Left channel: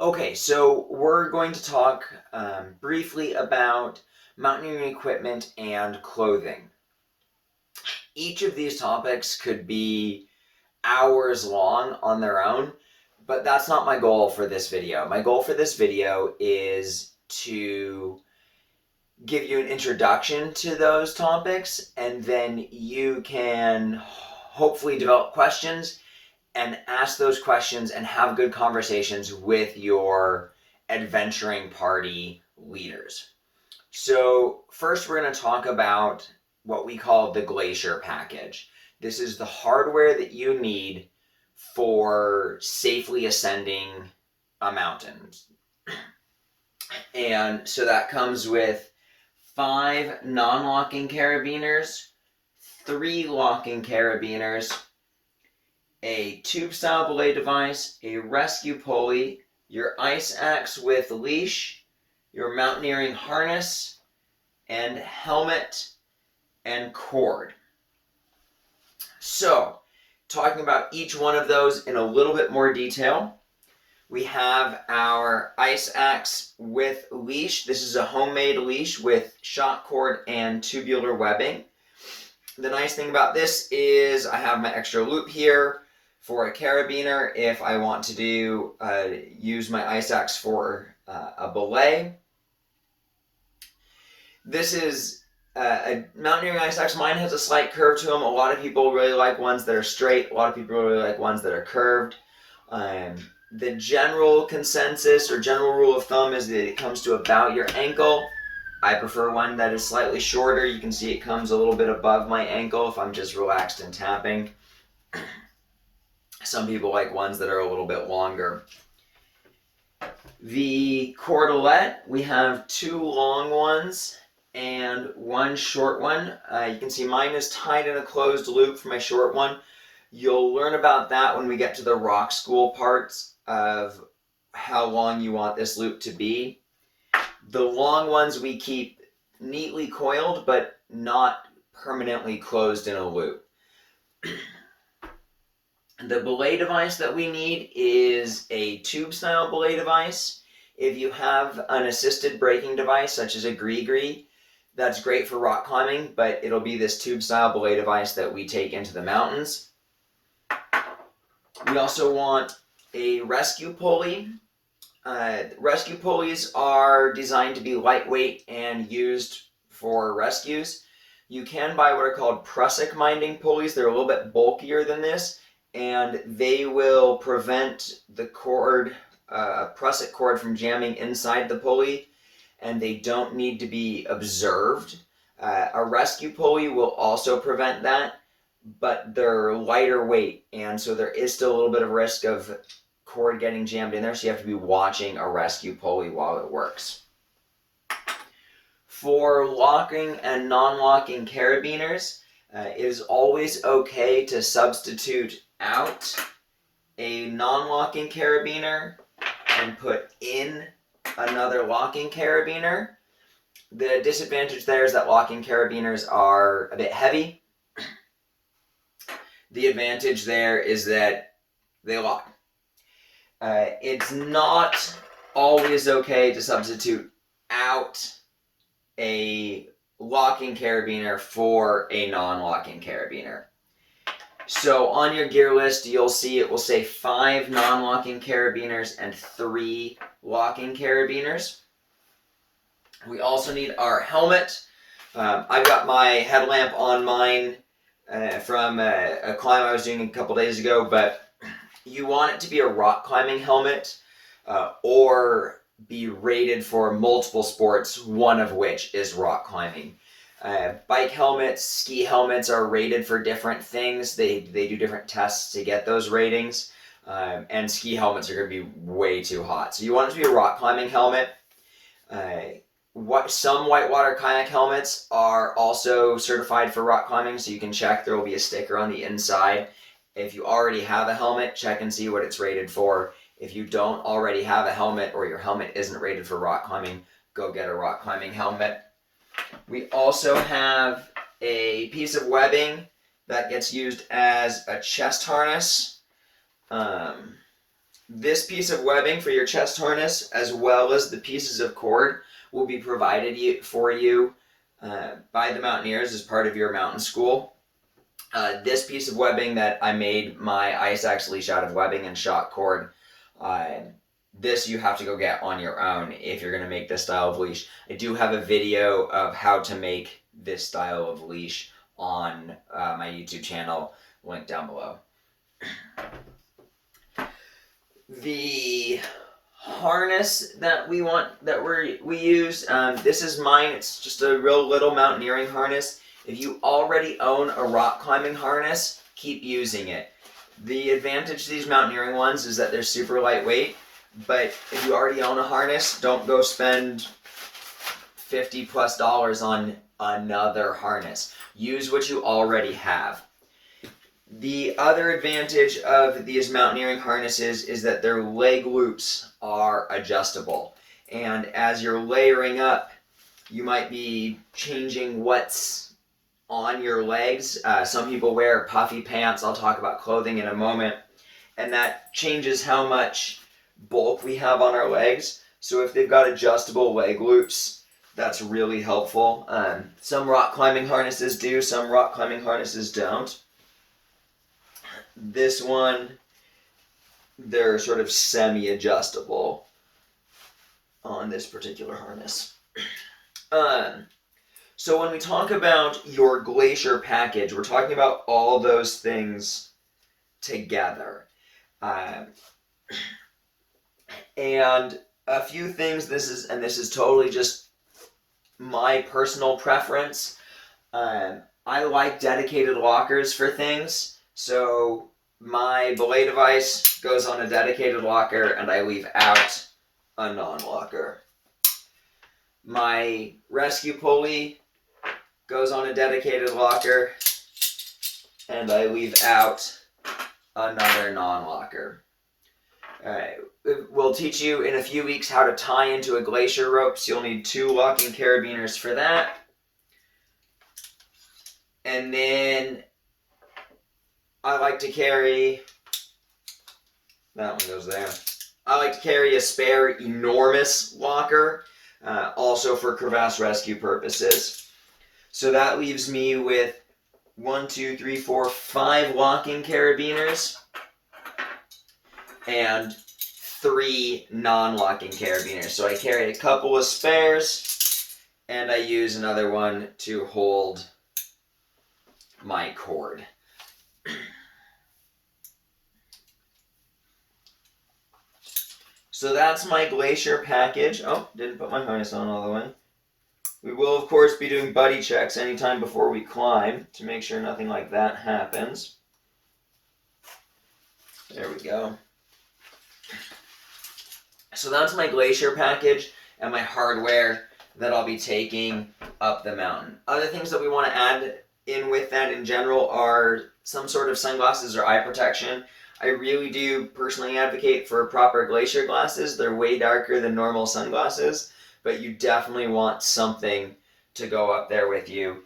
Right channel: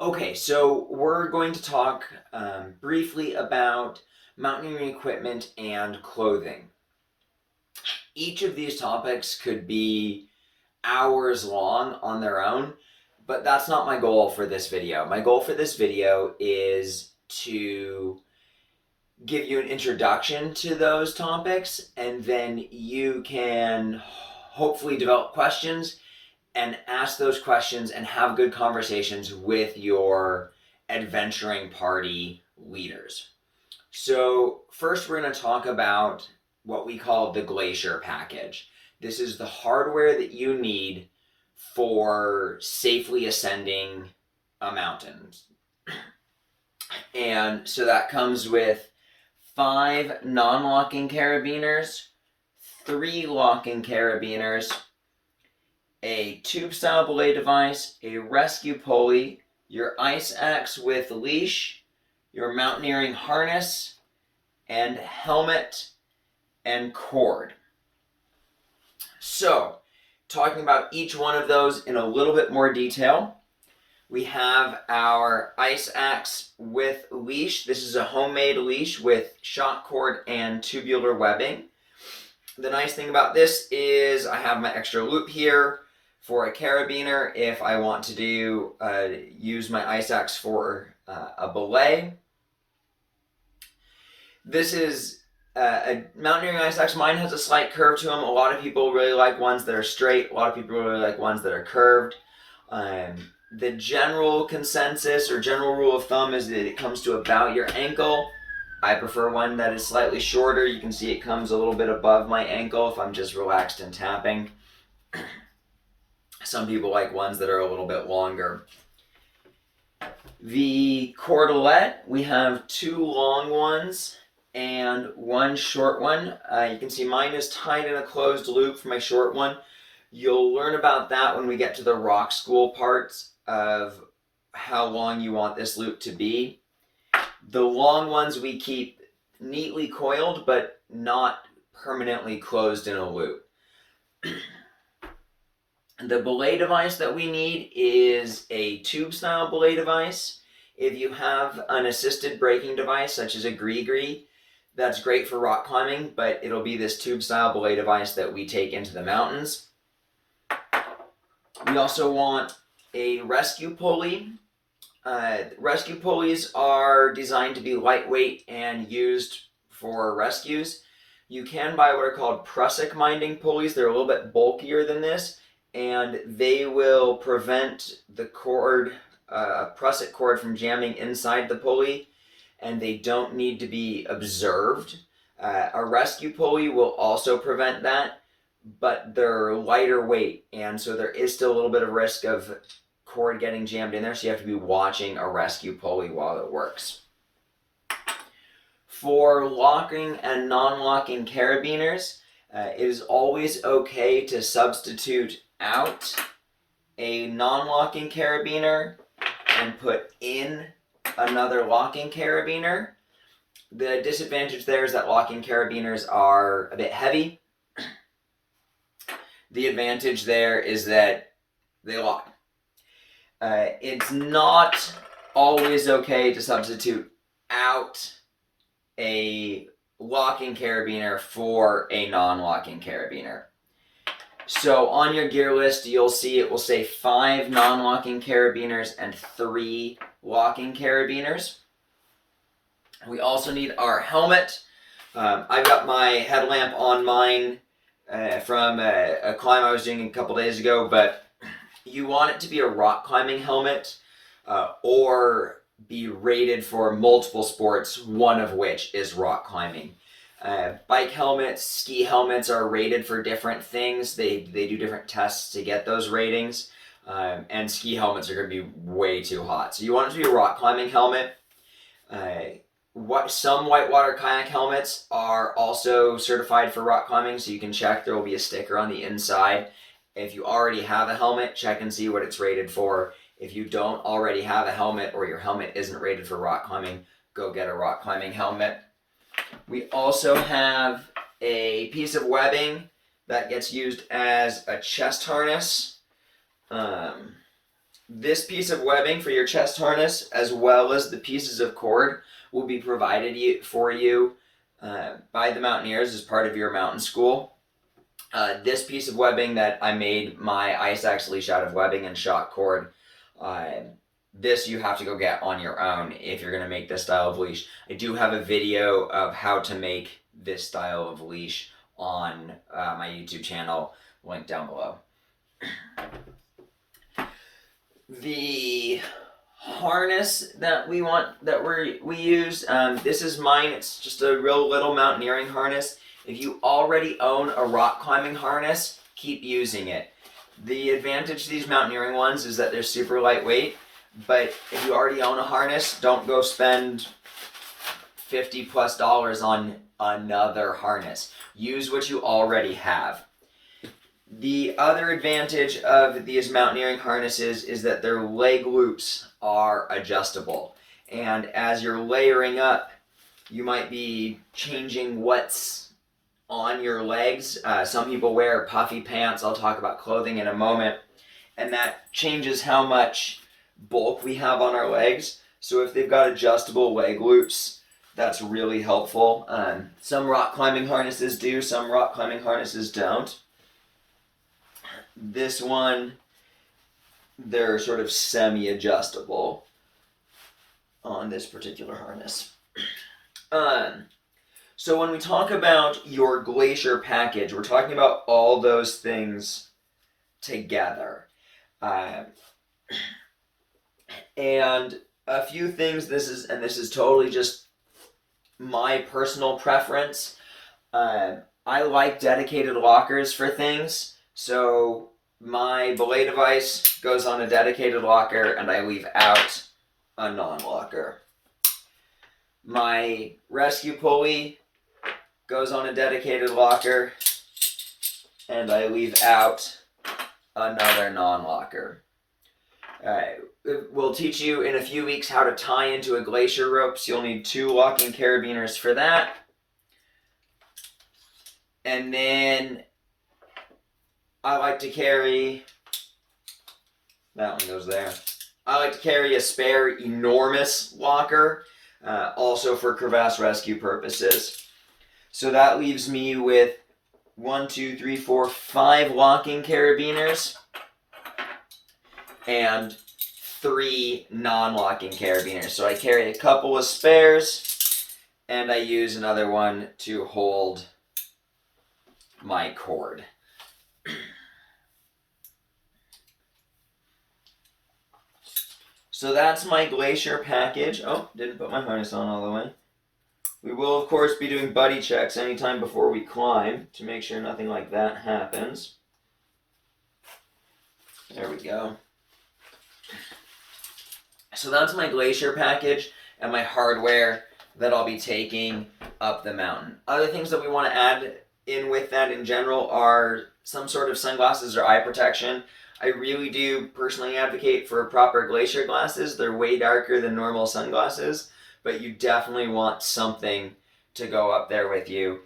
Okay, so we're going to talk briefly about mountaineering equipment and clothing. Each of these topics could be hours long on their own, but that's not my goal for this video. My goal for this video is to give you an introduction to those topics, and then you can hopefully develop questions and ask those questions and have good conversations with your adventuring party leaders. So, first, we're going to talk about what we call the Glacier package. This is the hardware that you need for safely ascending a mountain. And so that comes with 5 non locking carabiners, 3 locking carabiners, a tube style belay device, a rescue pulley, your ice axe with leash, your mountaineering harness, and helmet and cord. So, talking about each one of those in a little bit more detail, we have our ice axe with leash. This is a homemade leash with shock cord and tubular webbing. The nice thing about this is I have my extra loop here for a carabiner if I want to use my ice axe for a belay. This is a mountaineering ice axe. Mine has a slight curve to them. A lot of people really like ones that are straight. A lot of people really like ones that are curved. The general consensus or general rule of thumb is that it comes to about your ankle. I prefer one that is slightly shorter. You can see it comes a little bit above my ankle if I'm just relaxed and tapping. Some people like ones that are a little bit longer. The cordelette, we have 2 long ones and 1 short one. You can see mine is tied in a closed loop for my short one. You'll learn about that when we get to the rock school parts of how long you want this loop to be. The long ones we keep neatly coiled but not permanently closed in a loop. The belay device that we need is a tube style belay device. If you have an assisted braking device such as a GriGri, that's great for rock climbing, but it'll be this tube style belay device that we take into the mountains. We also want a rescue pulley. Rescue pulleys are designed to be lightweight and used for rescues. You can buy what are called prusik minding pulleys. They're a little bit bulkier than this, and they will prevent the cord, a prusik cord, from jamming inside the pulley, and they don't need to be observed. A rescue pulley will also prevent that, but they're lighter weight, and so there is still a little bit of risk of cord getting jammed in there, so you have to be watching a rescue pulley while it works. For locking and non-locking carabiners, it is always okay to substitute out a non-locking carabiner and put in another locking carabiner. The disadvantage there is that locking carabiners are a bit heavy. The advantage there is that they lock. It's not always okay to substitute out a locking carabiner for a non-locking carabiner. So on your gear list, you'll see it will say 5 non-locking carabiners and 3 locking carabiners. We also need our helmet. I've got my headlamp on mine from a climb I was doing a couple days ago, but you want it to be a rock climbing helmet or be rated for multiple sports, one of which is rock climbing. Bike helmets, ski helmets are rated for different things. They do different tests to get those ratings. And ski helmets are going to be way too hot. So you want it to be a rock climbing helmet. Some whitewater kayak helmets are also certified for rock climbing, so you can check. There will be a sticker on the inside. If you already have a helmet, check and see what it's rated for. If you don't already have a helmet or your helmet isn't rated for rock climbing, go get a rock climbing helmet. We also have a piece of webbing that gets used as a chest harness. This piece of webbing for your chest harness, as well as the pieces of cord, will be provided for you by the Mountaineers as part of your mountain school. This piece of webbing that I made my Ice Axe leash out of webbing and shot cord, this you have to go get on your own if you're going to make this style of leash. I do have a video of how to make this style of leash on my YouTube channel, link down below. The harness that we use, this is mine. It's just a real little mountaineering harness. If you already own a rock climbing harness, keep using it. The advantage to these mountaineering ones is that they're super lightweight, but if you already own a harness, don't go spend $50+ on another harness. Use what you already have. The other advantage of these mountaineering harnesses is that their leg loops are adjustable. And as you're layering up, you might be changing what's on your legs. Some people wear puffy pants. I'll talk about clothing in a moment. And that changes how much bulk we have on our legs. So if they've got adjustable leg loops, that's really helpful. Some rock climbing harnesses do, some rock climbing harnesses don't. This one, they're sort of semi-adjustable on this particular harness. So when we talk about your Glacier package, we're talking about all those things together. And a few things, this is totally just my personal preference. I like dedicated lockers for things. So my belay device goes on a dedicated locker and I leave out a non-locker. My rescue pulley goes on a dedicated locker and I leave out another non-locker. We'll teach you in a few weeks how to tie into a Glacier rope, so you'll need 2 locking carabiners for that. And then I like to carry, that one goes there. I like to carry a spare enormous locker, also for crevasse rescue purposes. So that leaves me with 5 locking carabiners and 3 non-locking carabiners. So I carry a couple of spares and I use another one to hold my cord. So that's my Glacier package. Oh, didn't put my harness on all the way. We will, of course, be doing buddy checks anytime before we climb to make sure nothing like that happens. There we go. So that's my Glacier package and my hardware that I'll be taking up the mountain. Other things that we want to add in with that in general are some sort of sunglasses or eye protection. I really do personally advocate for proper Glacier glasses. They're way darker than normal sunglasses, but you definitely want something to go up there with you.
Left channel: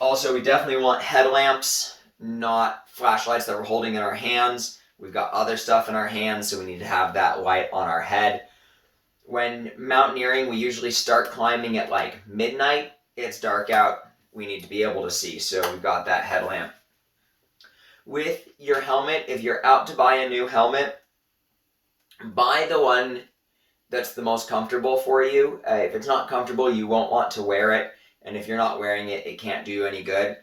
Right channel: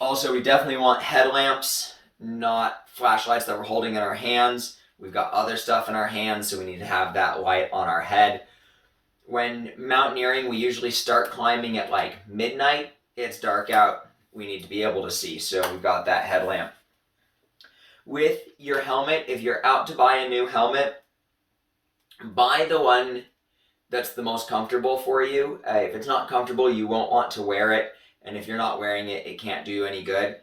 Also, we definitely want headlamps, not flashlights that we're holding in our hands. We've got other stuff in our hands, so we need to have that light on our head. When mountaineering, we usually start climbing at like midnight. It's dark out. We need to be able to see, so we've got that headlamp. With your helmet, if you're out to buy a new helmet, buy the one that's the most comfortable for you. If it's not comfortable, you won't want to wear it, and if you're not wearing it, it can't do you any good.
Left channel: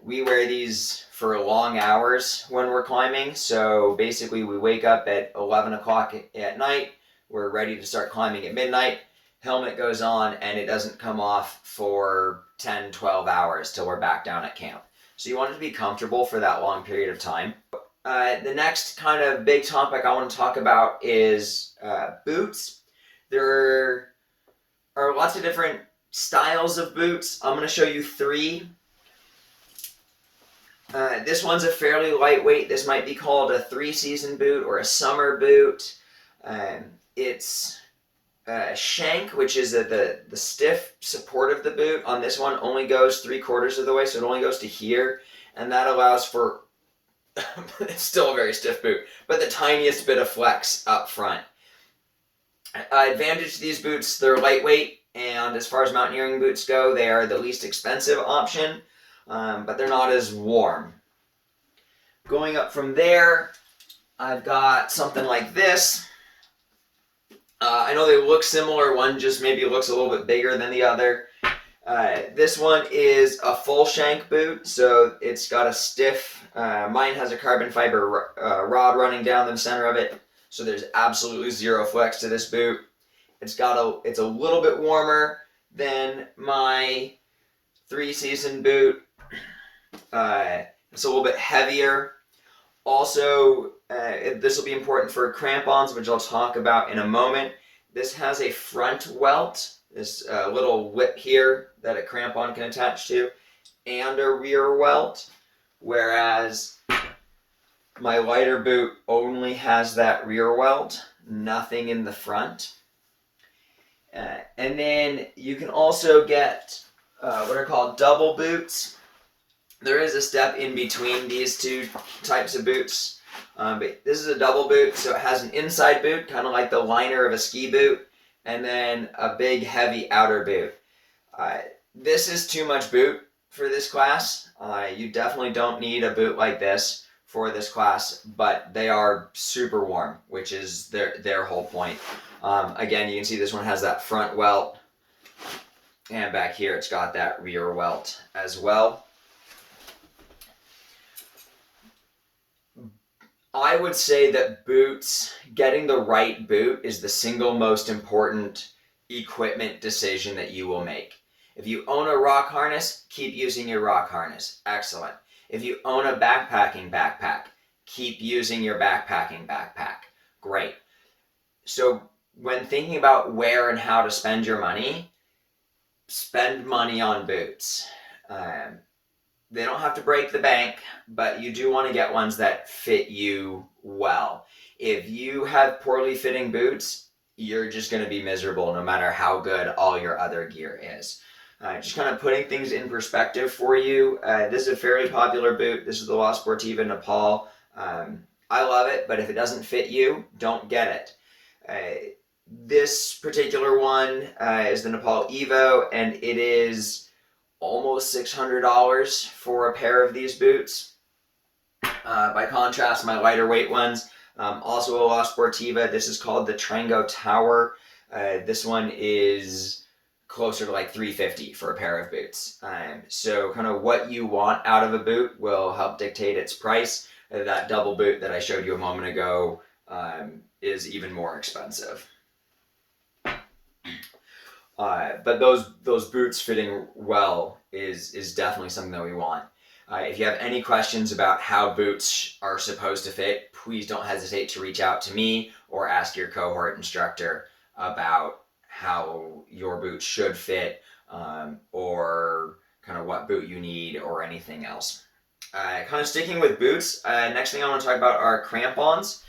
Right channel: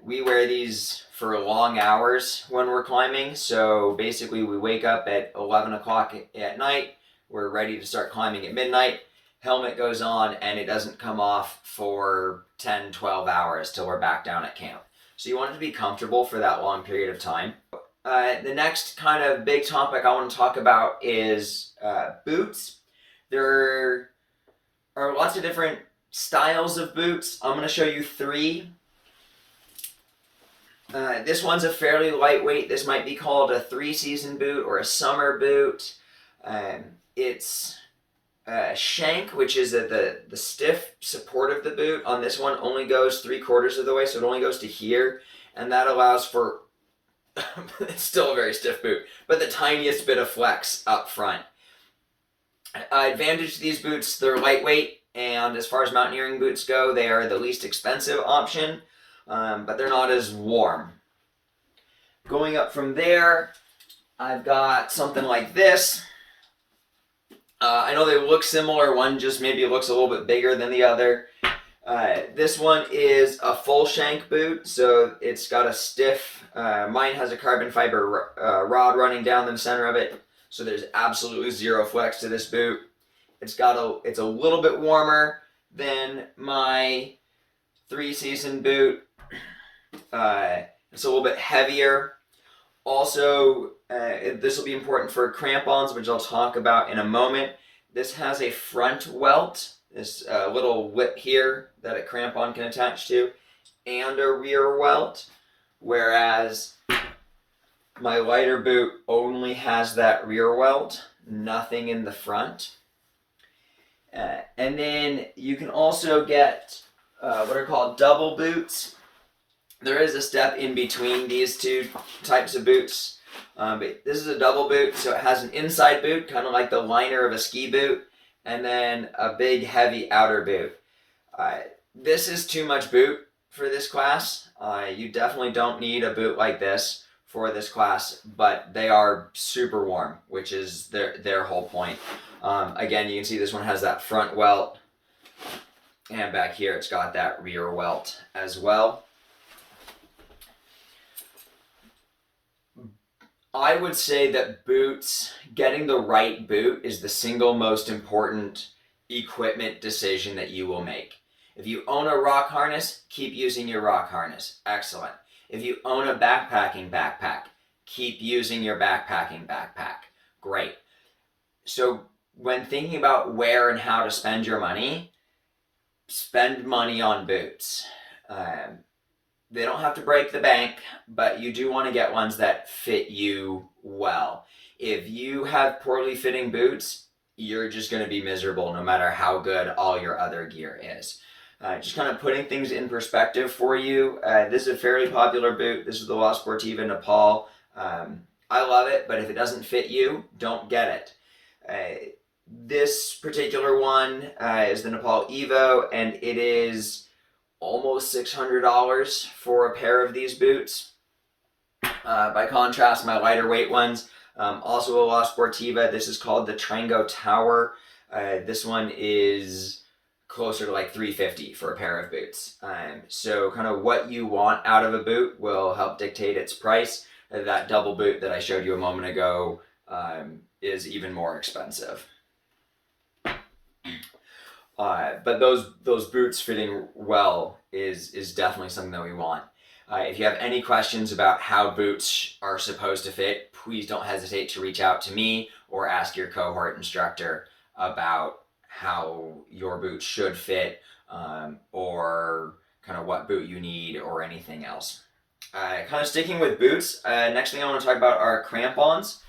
We wear these for long hours when we're climbing, so basically we wake up at 11 o'clock at night, we're ready to start climbing at midnight, helmet goes on, and it doesn't come off for 10, 12 hours till we're back down at camp. So you want it to be comfortable for that long period of time. The next kind of big topic I want to talk about is boots. There are lots of different styles of boots. I'm going to show you 3. This one's a fairly lightweight. This might be called a 3-season boot or a summer boot. It's shank, which is the stiff support of the boot. On this one only goes 3/4 of the way, so it only goes to here, and that allows for it's still a very stiff boot, but the tiniest bit of flex up front. Advantage to these boots, they're lightweight, and as far as mountaineering boots go, they are the least expensive option, but they're not as warm. Going up from there, I've got something like this. I know they look similar, one just maybe looks a little bit bigger than the other. This one is a full shank boot, so it's got a stiff, mine has a carbon fiber rod running down the center of it, so there's absolutely zero flex to this boot. It's a little bit warmer than my 3-season boot. It's a little bit heavier. Also, this will be important for crampons, which I'll talk about in a moment. This has a front welt, this little lip here that a crampon can attach to, and a rear welt, whereas my lighter boot only has that rear welt, nothing in the front. And then you can also get what are called double boots. There is a step in between these two types of boots. But this is a double boot, so it has an inside boot, kind of like the liner of a ski boot, and then a big heavy outer boot. This is too much boot for this class. You definitely don't need a boot like this for this class, but they are super warm, which is their whole point. Again, you can see this one has that front welt, and back here it's got that rear welt as well. I would say that boots, getting the right boot is the single most important equipment decision that you will make. If you own a rock harness, keep using your rock harness. Excellent. If you own a backpacking backpack, keep using your backpacking backpack. Great. So when thinking about where and how to spend your money, spend money on boots. They don't have to break the bank, but you do want to get ones that fit you well. If you have poorly fitting boots, you're just going to be miserable no matter how good all your other gear is. Just kind of putting things in perspective for you. This is a fairly popular boot. This is the La Sportiva Nepal. I love it, but if it doesn't fit you, don't get it. This particular one is the Nepal Evo, and it is almost $600 for a pair of these boots. By contrast, my lighter weight ones, also a La Sportiva, this is called the Trango Tower. This one is closer to like $350 for a pair of boots. So kind of what you want out of a boot will help dictate its price. That double boot that I showed you a moment ago is even more expensive. But those boots fitting well is definitely something that we want. If you have any questions about how boots are supposed to fit, please don't hesitate to reach out to me or ask your cohort instructor about how your boot should fit, or kind of what boot you need or anything else. Kind of sticking with boots, next thing I want to talk about are crampons.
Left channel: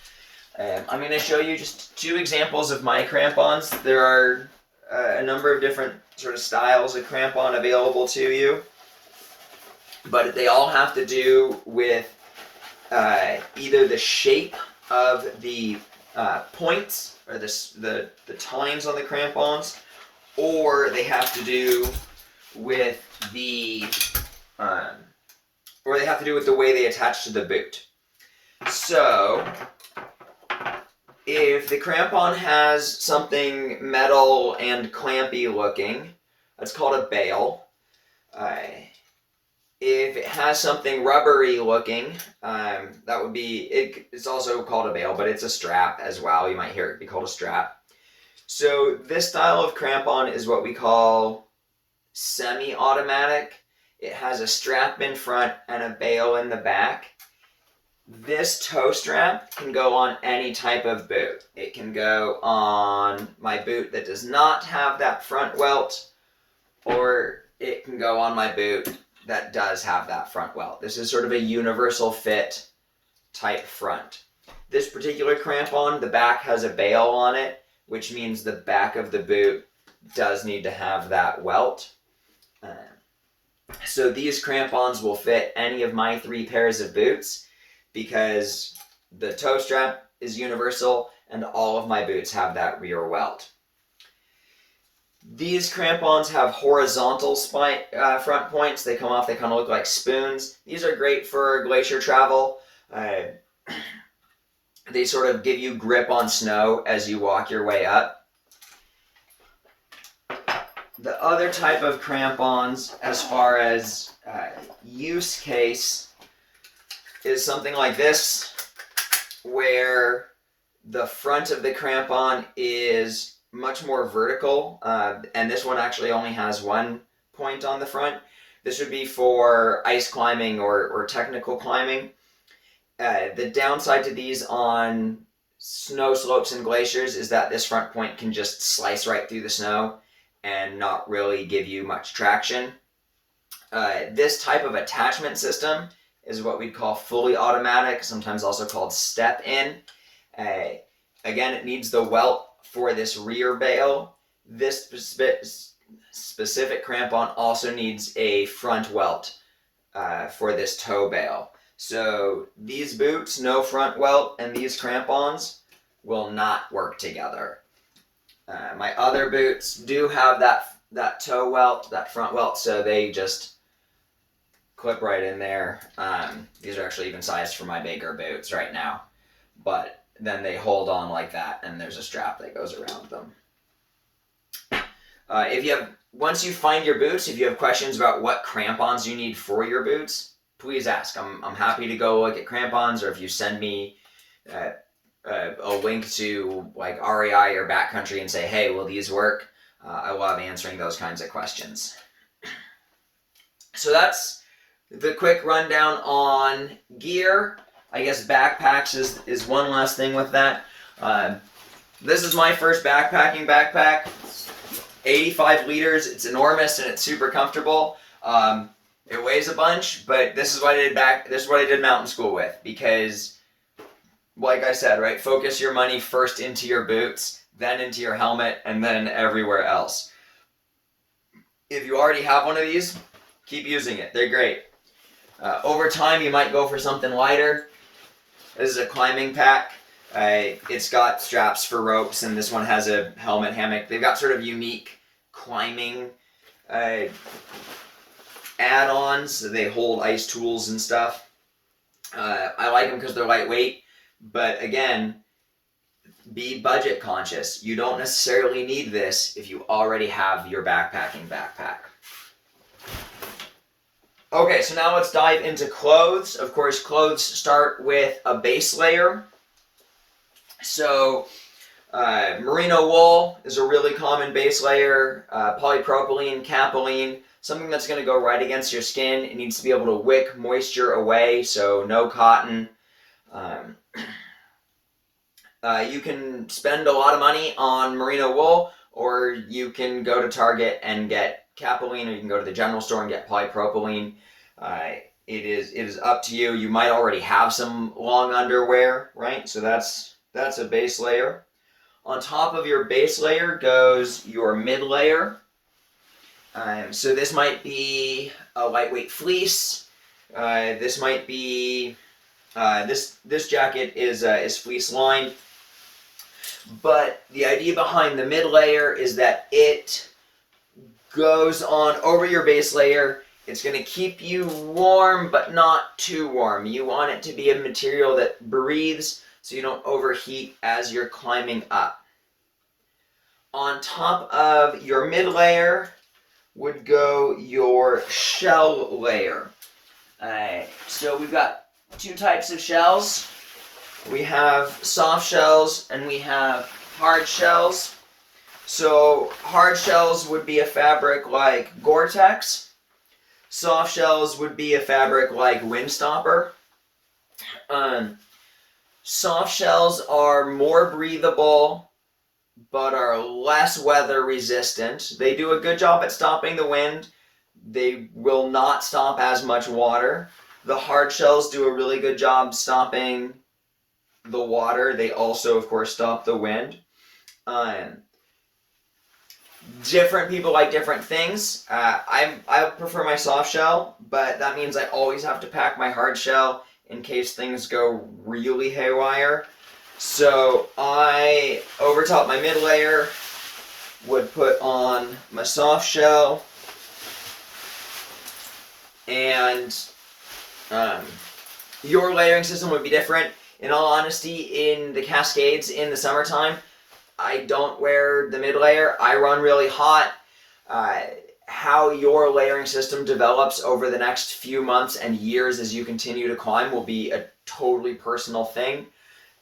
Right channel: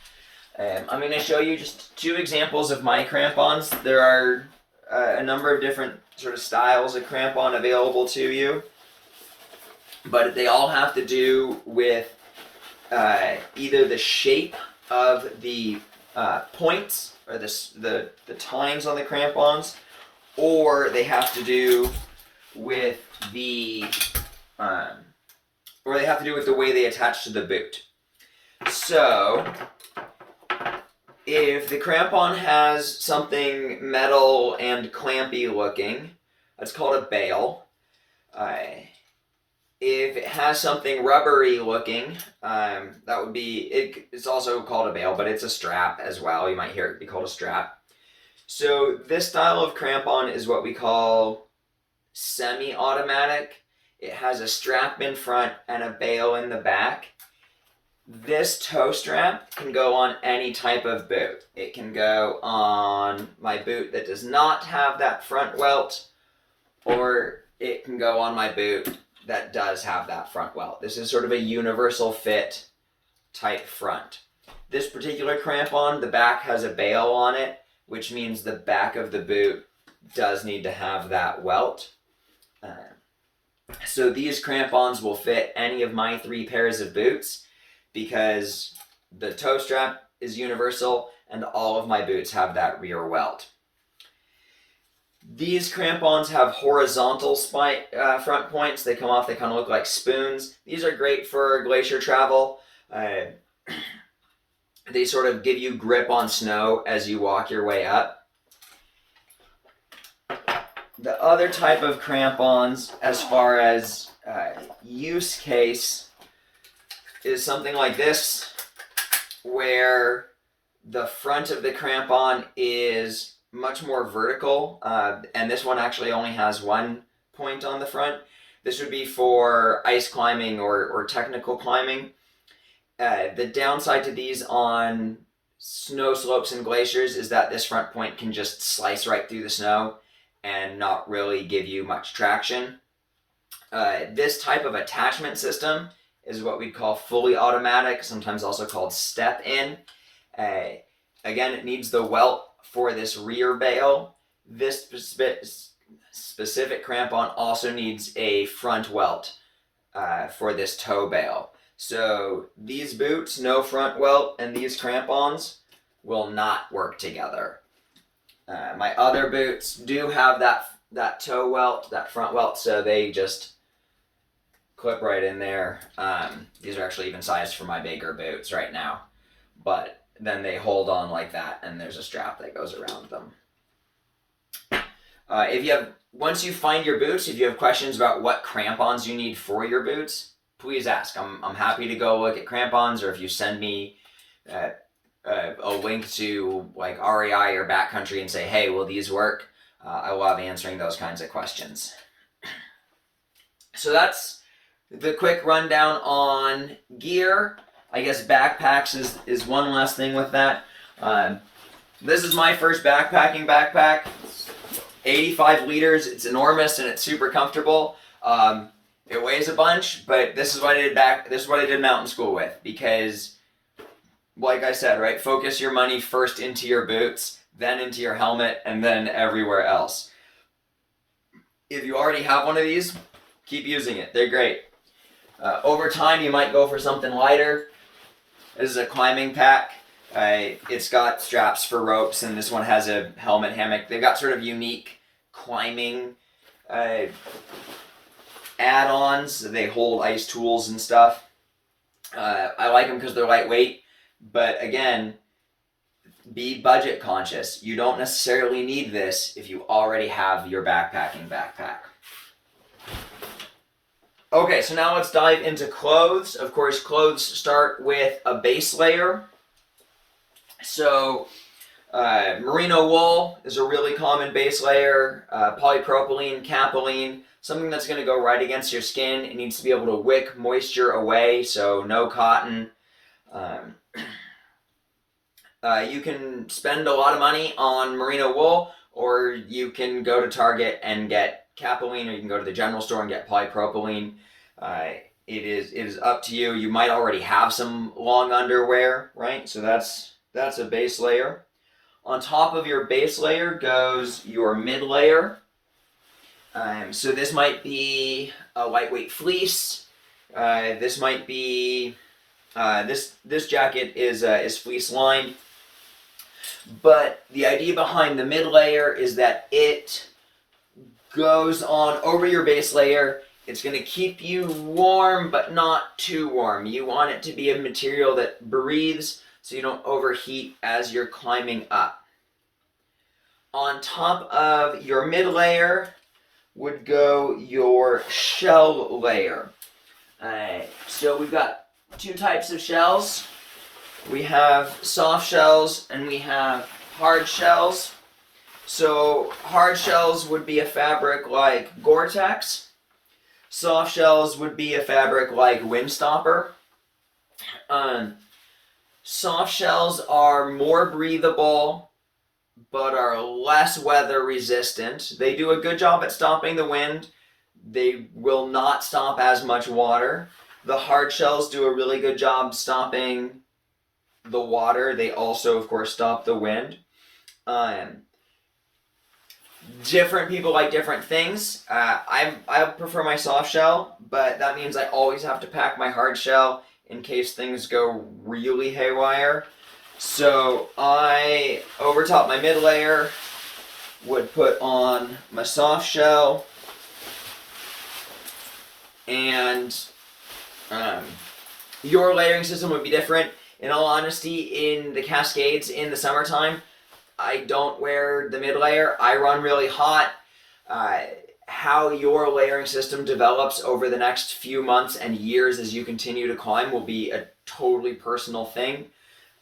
I'm going to show you just two examples of my crampons. There are a number of different sort of styles of crampon available to you, but they all have to do with either the shape of the points or the tines on the crampons, or they have to do with the way they attach to the boot. So if the crampon has something metal and clampy looking, that's called a bail. If it has something rubbery looking, that would be, it's also called a bail, but it's a strap as well. You might hear it be called a strap. So this style of crampon is what we call semi-automatic. It has a strap in front and a bail in the back. This toe strap can go on any type of boot. It can go on my boot that does not have that front welt, or it can go on my boot that does have that front welt. This is sort of a universal fit type front. This particular crampon, the back has a bail on it, which means the back of the boot does need to have that welt. So these crampons will fit any of my 3 pairs of boots. because the toe strap is universal and all of my boots have that rear welt. These crampons have horizontal front points. They come off, they kind of look like spoons. These are great for glacier travel. They sort of give you grip on snow as you walk your way up. The other type of crampons, as far as use case, is something like this, where the front of the crampon is much more vertical, and this one actually only has one point on the front. This would be for ice climbing or technical climbing. The downside to these on snow slopes and glaciers is that this front point can just slice right through the snow and not really give you much traction. This type of attachment system is what we'd call fully automatic, sometimes also called step-in. Again, it needs the welt for this rear bail. This specific crampon also needs a front welt for this toe bail. So these boots, no front welt, and these crampons will not work together. My other boots do have that toe welt, that front welt, so they just clip right in there. These are actually even sized for my bigger boots right now, but then they hold on like that, and there's a strap that goes around them. Once you find your boots, if you have questions about what crampons you need for your boots, please ask. I'm happy to go look at crampons, or if you send me a link to like REI or Backcountry and say, hey, will these work? I love answering those kinds of questions. So that's the quick rundown on gear. I guess backpacks is one last thing with that. This is my first backpacking backpack. 85 liters. It's enormous and it's super comfortable. It weighs a bunch, but this is what I did mountain school with, because like I said, right, focus your money first into your boots, then into your helmet, and then everywhere else. If you already have one of these, keep using it. They're great. Over time, you might go for something lighter. This is a climbing pack. It's got straps for ropes, and this one has a helmet hammock. They've got sort of unique climbing add-ons. They hold ice tools and stuff. I like them because they're lightweight, but again, be budget conscious. You don't necessarily need this if you already have your backpacking backpack. Okay, so now let's dive into clothes. Of course, clothes start with a base layer. So merino wool is a really common base layer. Polypropylene, Capilene, something that's going to go right against your skin. It needs to be able to wick moisture away, so no cotton. You can spend a lot of money on merino wool, or you can go to Target and get Capilene, or you can go to the general store and get polypropylene. It is up to you. You might already have some long underwear, right? So that's a base layer. On top of your base layer goes your mid layer. So this might be a lightweight fleece. This might be this jacket is fleece lined. But the idea behind the mid layer is that it goes on over your base layer. It's going to keep you warm, but not too warm. You want it to be a material that breathes so you don't overheat as you're climbing up. On top of your mid layer would go your shell layer. So we've got two types of shells. We have soft shells and we have hard shells. So hard shells would be a fabric like Gore-Tex. Soft shells would be a fabric like Windstopper. Soft shells are more breathable, but are less weather resistant. They do a good job at stopping the wind. They will not stop as much water. The hard shells do a really good job stopping the water. They also, of course, stop the wind. Different people like different things. I prefer my soft shell, but that means I always have to pack my hard shell in case things go really haywire. So I, over top my mid layer, would put on my soft shell, and your layering system would be different. In all honesty, in the Cascades in the summertime, I don't wear the mid layer. I run really hot. How your layering system develops over the next few months and years as you continue to climb will be a totally personal thing.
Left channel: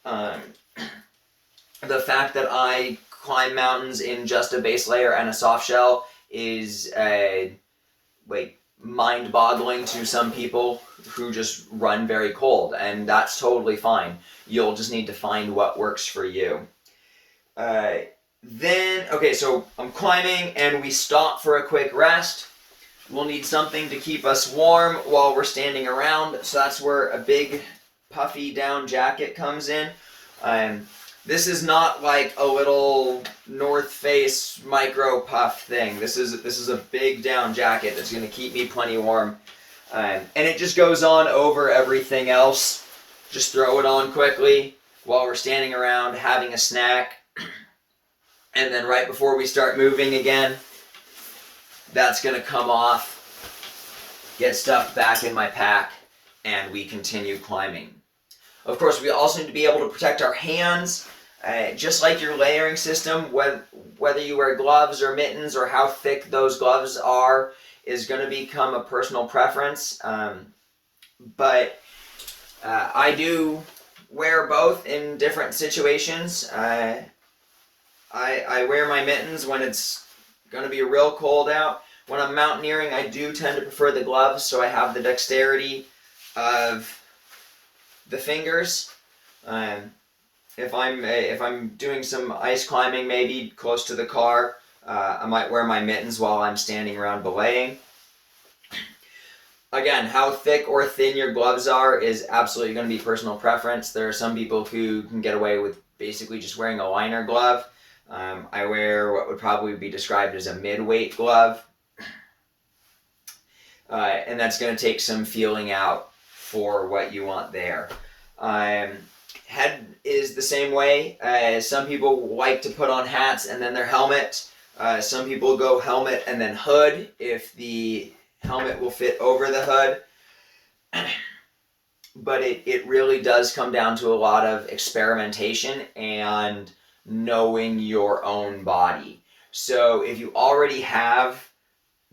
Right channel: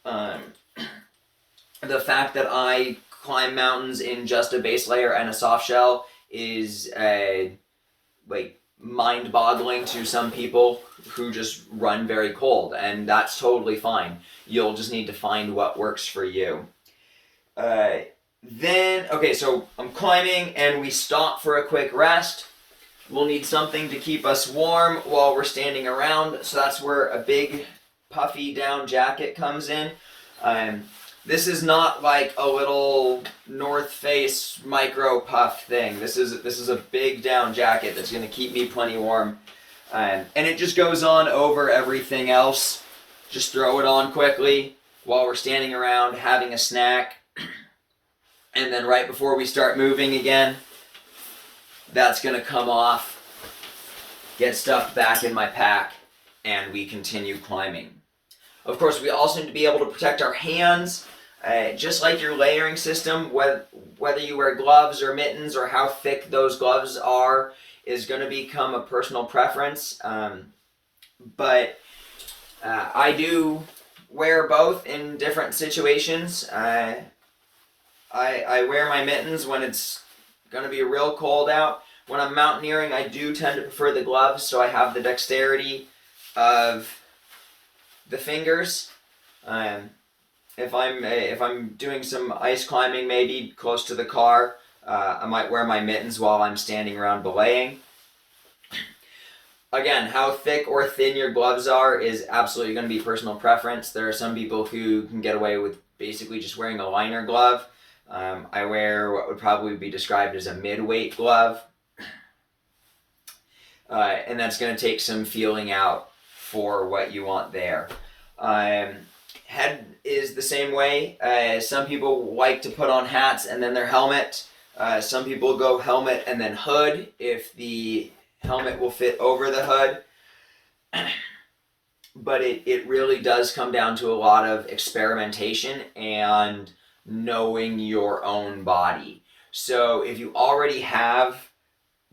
The fact that I climb mountains in just a base layer and a soft shell is like mind-boggling to some people who just run very cold, and that's totally fine. You'll just need to find what works for you. Okay, so I'm climbing and we stop for a quick rest. We'll need something to keep us warm while we're standing around, so that's where a big puffy down jacket comes in. This is not like a little North Face micro puff thing. This is a big down jacket that's going to keep me plenty warm. And it just goes on over everything else. Just throw it on quickly while we're standing around having a snack. And then right before we start moving again, that's going to come off, get stuffed back in my pack, and we continue climbing. Of course, we also need to be able to protect our hands, just like your layering system. Whether you wear gloves or mittens or how thick those gloves are is going to become a personal preference. But I do wear both in different situations. I wear my mittens when it's going to be real cold out. When I'm mountaineering, I do tend to prefer the gloves, so I have the dexterity of the fingers. If I'm doing some ice climbing, maybe close to the car, I might wear my mittens while I'm standing around belaying. Again, how thick or thin your gloves are is absolutely going to be personal preference. There are some people who can get away with basically just wearing a liner glove. I wear what would probably be described as a mid-weight glove. And that's going to take some feeling out for what you want there. Head is the same way. Some people like to put on hats and then their helmet. Some people go helmet and then hood if the helmet will fit over the hood. But it really does come down to a lot of experimentation and knowing your own body. So if you already have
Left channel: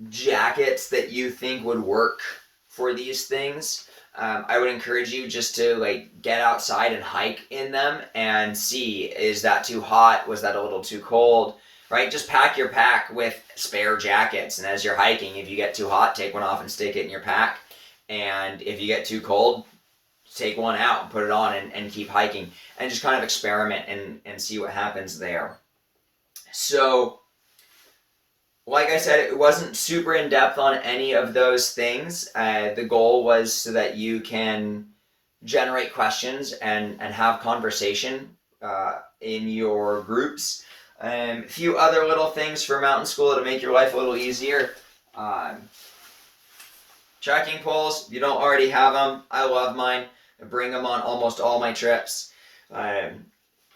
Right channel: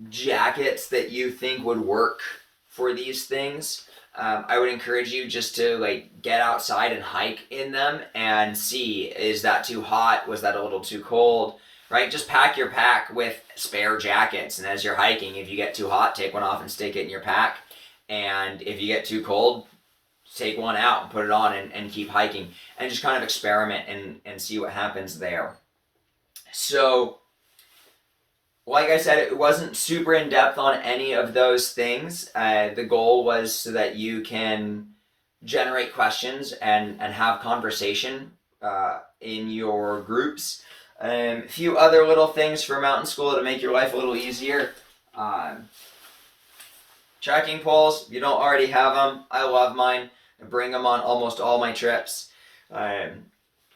jackets that you think would work for these things, I would encourage you just to get outside and hike in them and see, is that too hot? Was that a little too cold? Right? Just pack your pack with spare jackets, and as you're hiking, if you get too hot, take one off and stick it in your pack. And if you get too cold, take one out and put it on and keep hiking, and just kind of experiment and see what happens there. So, like I said, it wasn't super in-depth on any of those things. The goal was so that you can generate questions and have conversation in your groups. A few other little things for mountain school to make your life a little easier. Trekking poles, if you don't already have them, I love mine. I bring them on almost all my trips. I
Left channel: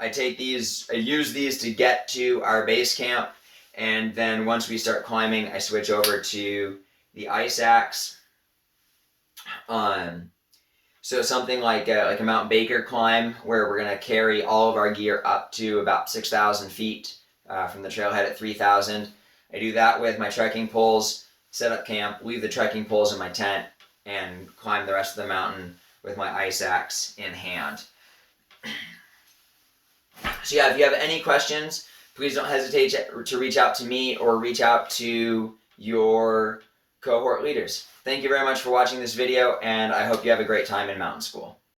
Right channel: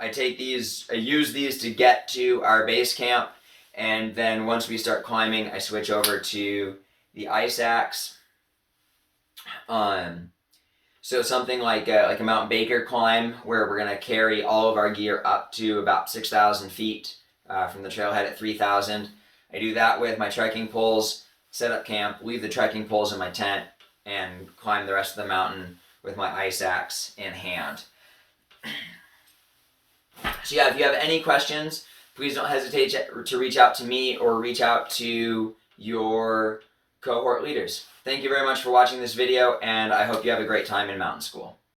use these to get to our base camp, and then once we start climbing, I switch over to the ice axe. So something like a Mount Baker climb, where we're gonna carry all of our gear up to about 6,000 feet from the trailhead at 3,000. I do that with my trekking poles, set up camp, leave the trekking poles in my tent, and climb the rest of the mountain with my ice axe in hand. So yeah, if you have any questions, please don't hesitate to reach out to me or reach out to your cohort leaders. Thank you very much for watching this video, and I hope you have a great time in mountain school.